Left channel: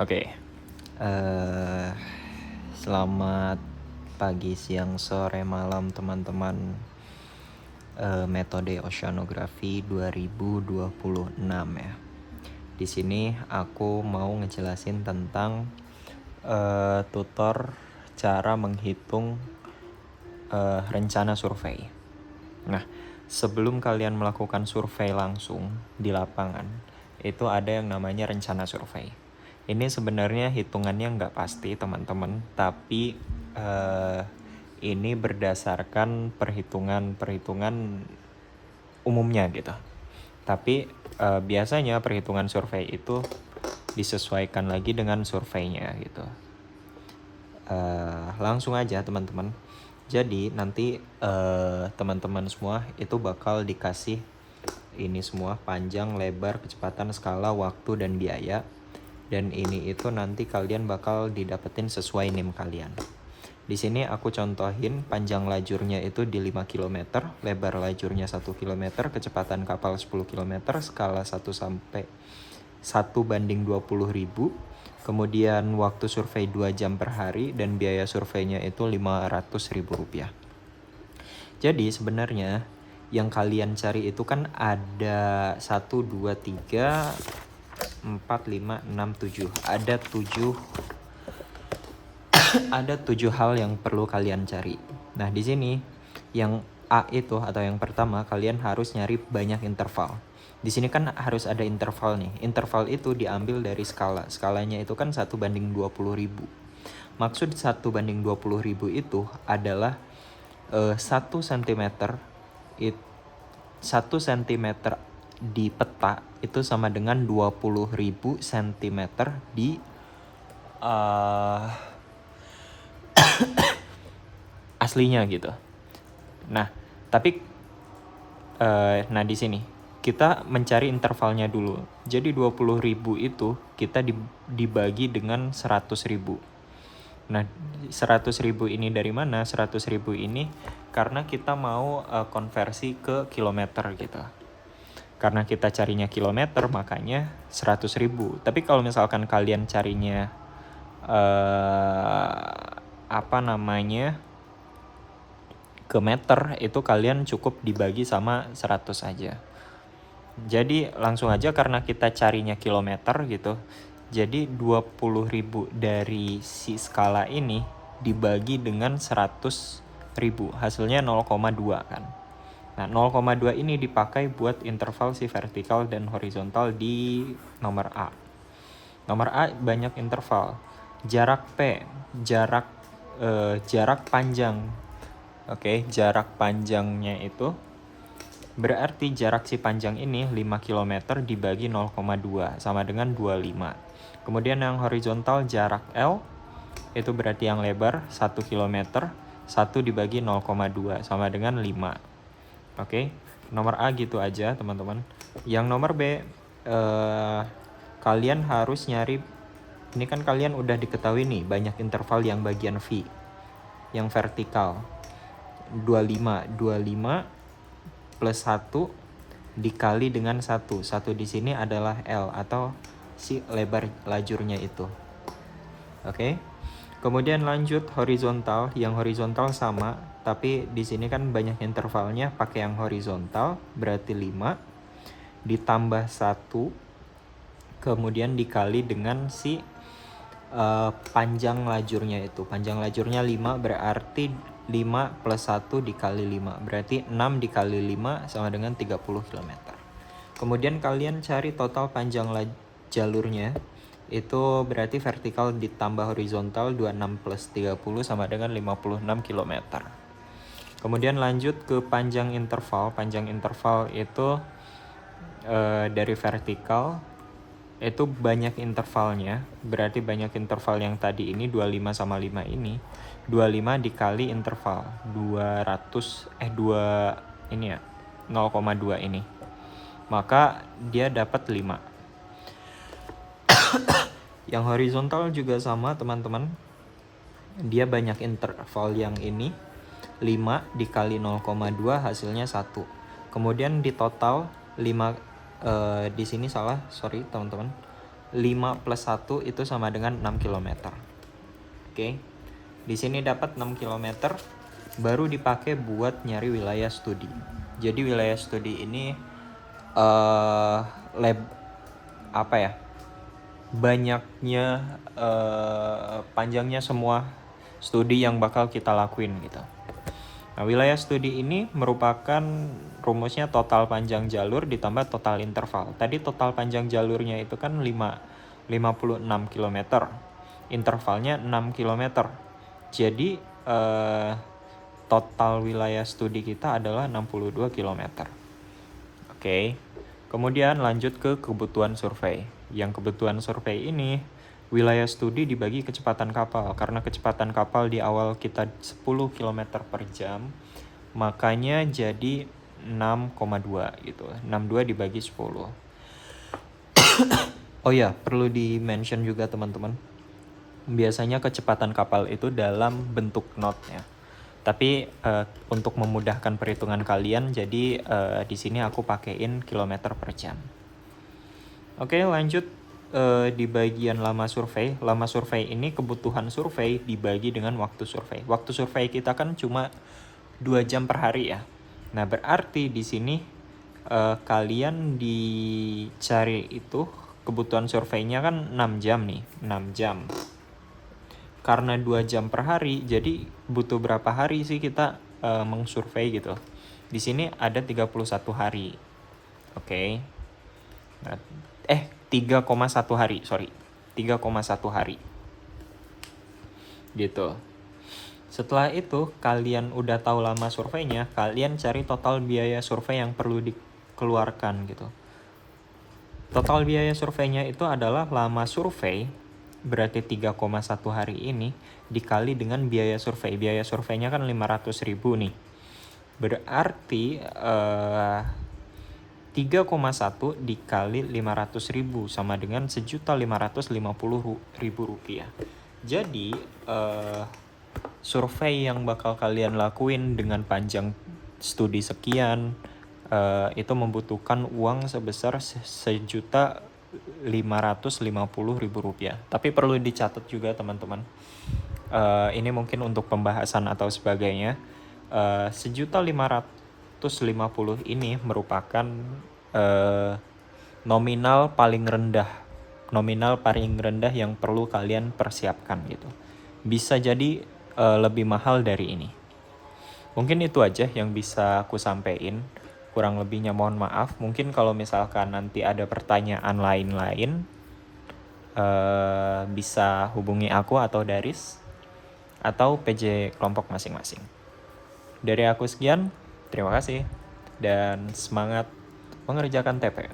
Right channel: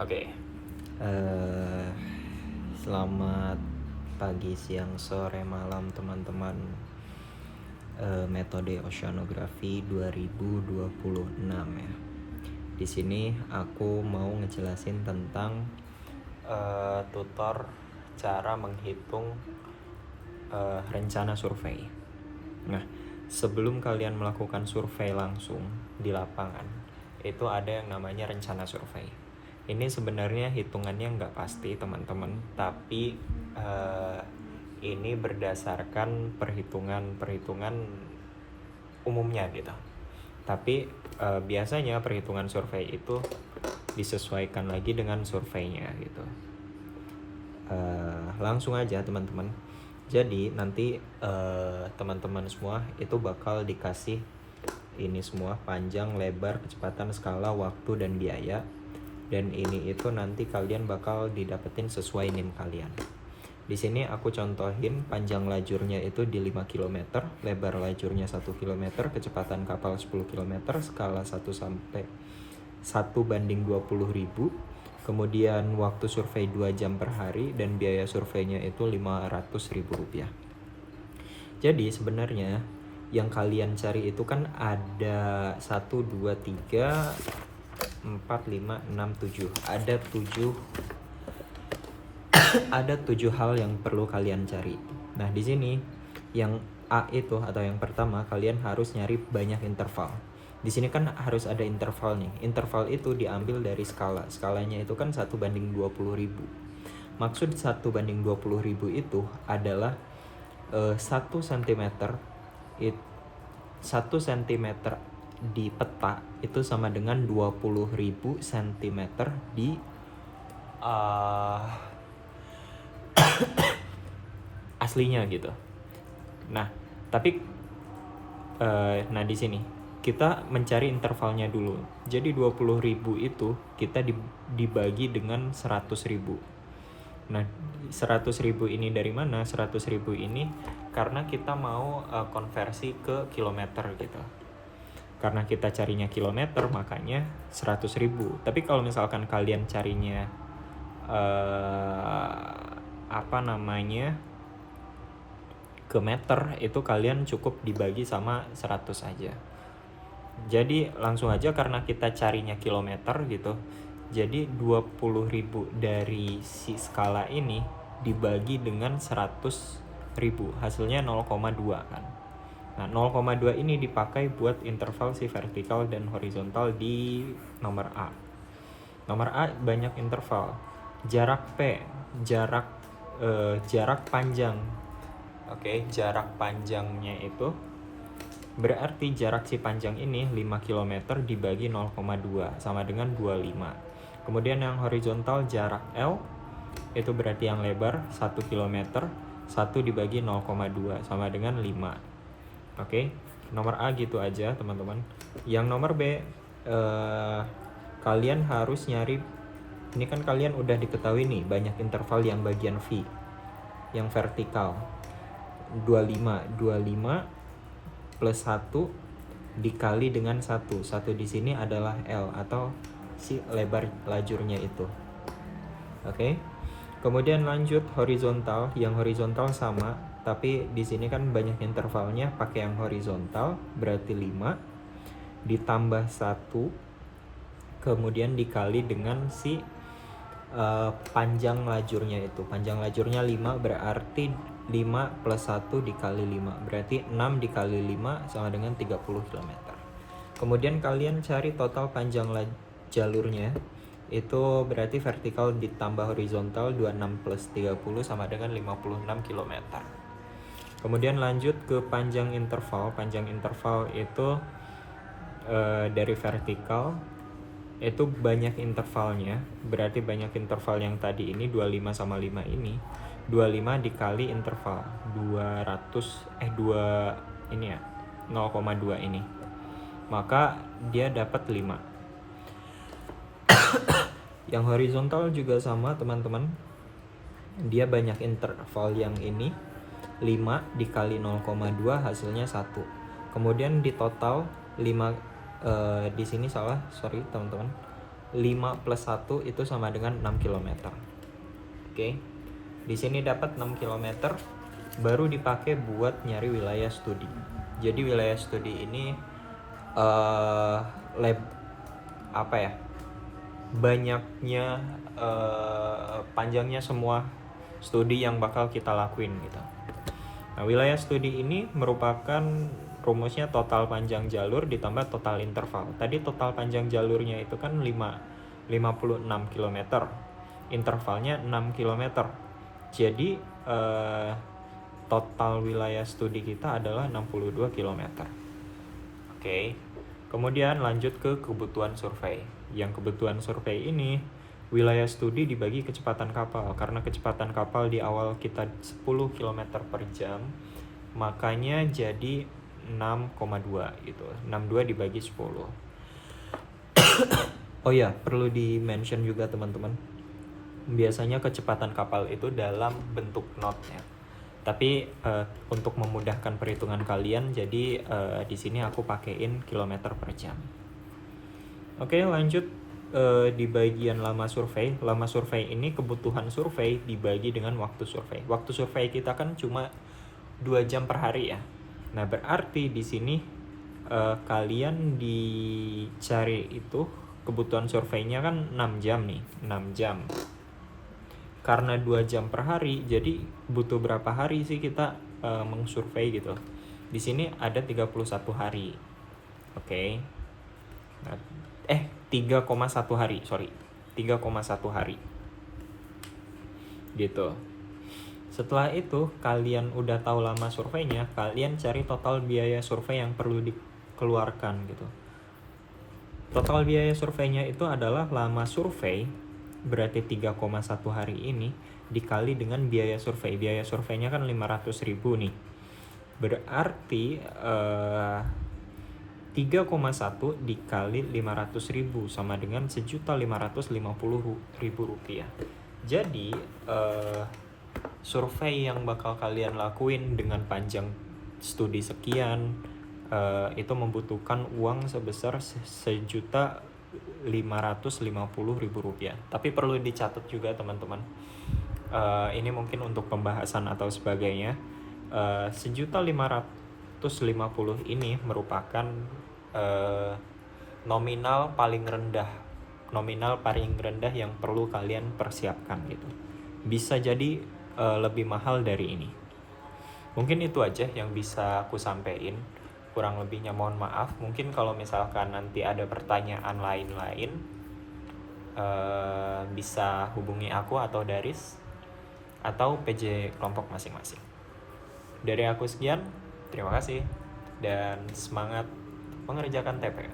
Oke. Eh, Selamat pagi, siang, sore, malam teman-teman. Metode Oceanografi 2026 ya. Di sini aku mau ngejelasin tentang tutor cara menghitung rencana survei. Nah, sebelum kalian melakukan survei langsung di lapangan, itu ada yang namanya rencana survei. Ini sebenarnya hitungannya nggak pasti teman-teman, tapi ini berdasarkan perhitungan umumnya gitu. Tapi biasanya perhitungan survei itu disesuaikan lagi dengan surveinya gitu. Langsung aja teman-teman. Jadi nanti teman-teman semua itu bakal dikasih ini semua, panjang, lebar, kecepatan, skala, waktu, dan biaya. Dan ini itu nanti kalian bakal didapetin sesuai NIM kalian. Di sini aku contohin panjang lajurnya itu di 5 km, lebar lajurnya 1 km, kecepatan kapal 10 km, skala 1 sampai 1:20.000. Kemudian waktu survei 2 jam per hari dan biaya surveinya itu Rp500.000. Jadi sebenarnya yang kalian cari itu kan ada 1, 2, 3, 4, 5, 6, 7. Ada 7 hal yang perlu kalian cari. Nah, di sini yang A itu atau yang pertama, kalian harus nyari banyak interval. Di sini kan harus ada interval nih. Interval itu diambil dari skala. Skalanya itu kan 1:20.000. Maksud 1:20.000 itu adalah 1 cm 1 cm di peta itu sama dengan 20.000 cm di aslinya gitu. Nah, tapi nah di sini kita mencari intervalnya dulu. Jadi 20.000 itu kita dibagi dengan 100.000. Nah, 100.000 ini dari mana? 100.000 ini karena kita mau konversi ke kilometer gitu. Karena kita carinya kilometer, makanya 100.000. Tapi kalau misalkan kalian carinya ke meter, itu kalian cukup dibagi sama 100 aja. Jadi langsung aja karena kita carinya kilometer gitu. Jadi 20.000 dari si skala ini dibagi dengan 100.000, hasilnya 0,2 kan. Nah, 0,2 ini dipakai buat interval si vertikal dan horizontal di nomor A. Nomor A banyak interval. Jarak P, jarak panjang. Oke, jarak panjangnya itu berarti jarak si panjang ini 5 km dibagi 0,2 sama dengan 25. Kemudian yang horizontal jarak L itu berarti yang lebar 1 km, 1 dibagi 0,2 sama dengan 5. Oke, nomor A gitu aja teman-teman. Yang nomor B, kalian harus nyari, ini kan kalian udah diketahui nih banyak interval yang bagian V, yang vertikal 25 plus 1 dikali dengan 1 di sini adalah L atau si lebar lajurnya itu. Oke. Kemudian lanjut horizontal, yang horizontal sama, tapi di sini kan banyak intervalnya, pakai yang horizontal berarti 5 ditambah 1 kemudian dikali dengan si panjang lajurnya itu. Panjang lajurnya 5 berarti 5 plus 1 dikali 5 berarti 6 dikali 5 sama dengan 30 km. Kemudian kalian cari total panjang jalurnya, itu berarti vertikal ditambah horizontal 26 plus 30 sama dengan 56 km. Kemudian lanjut ke panjang interval. Panjang interval itu dari vertikal itu banyak intervalnya, berarti banyak interval yang tadi ini 25 sama 5 ini. 25 dikali interval 2 ini ya, 0,2 ini. Maka dia dapat 5. Yang horizontal juga sama teman-teman. Dia banyak interval yang ini. 5 dikali 0,2 hasilnya 1. Kemudian di total 5 di sini salah, sorry teman-teman. 5 plus 1 itu sama dengan 6 km. Oke. Di sini dapat 6 km baru dipakai buat nyari wilayah studi. Jadi wilayah studi ini banyaknya panjangnya semua studi yang bakal kita lakuin gitu. Nah, wilayah studi ini merupakan rumusnya total panjang jalur ditambah total interval. Tadi total panjang jalurnya itu kan 56 km. Intervalnya 6 km. Jadi total wilayah studi kita adalah 62 km. Oke. Kemudian lanjut ke kebutuhan survei. Yang kebutuhan survei ini wilayah studi dibagi kecepatan kapal. Karena kecepatan kapal di awal kita 10 km per jam, makanya jadi 6,2 gitu. 62 dibagi 10. Oh ya, perlu di-mention juga teman-teman. Biasanya kecepatan kapal itu dalam bentuk knot ya. Tapi untuk memudahkan perhitungan kalian, jadi di sini aku pakein kilometer per jam. Oke, lanjut di bagian lama survei. Lama survei ini kebutuhan survei dibagi dengan waktu survei. Waktu survei kita kan cuma 2 jam per hari ya. Nah, berarti di sini kalian dicari itu kebutuhan surveinya kan 6 jam nih, 6 jam. Karena 2 jam per hari, jadi butuh berapa hari sih kita mengsurvei gitu. Di sini ada 31 hari. Oke. Nah, 3,1 hari, 3,1 hari. Gitu. Setelah itu, kalian udah tahu lama surveinya, kalian cari total biaya survei yang perlu dikeluarkan gitu. Total biaya surveinya itu adalah lama survei, berarti 3,1 hari ini dikali dengan biaya survei. Biaya surveinya kan 500.000 nih. Berarti 3,1 dikali 500.000 sama dengan 1.550.000 rupiah. Jadi survei yang bakal kalian lakuin dengan panjang studi sekian itu membutuhkan uang sebesar 1.550.000 rupiah. Tapi perlu dicatat juga teman-teman. Ini mungkin untuk pembahasan atau sebagainya. 1.550.000 ini merupakan nominal paling rendah yang perlu kalian persiapkan gitu. Bisa jadi lebih mahal dari ini. Mungkin itu aja yang bisa aku sampaikan. Kurang lebihnya mohon maaf. Mungkin kalau misalkan nanti ada pertanyaan lain-lain, bisa hubungi aku atau Daris atau PJ kelompok masing-masing. Dari aku sekian, terima kasih dan semangat mengerjakan TP.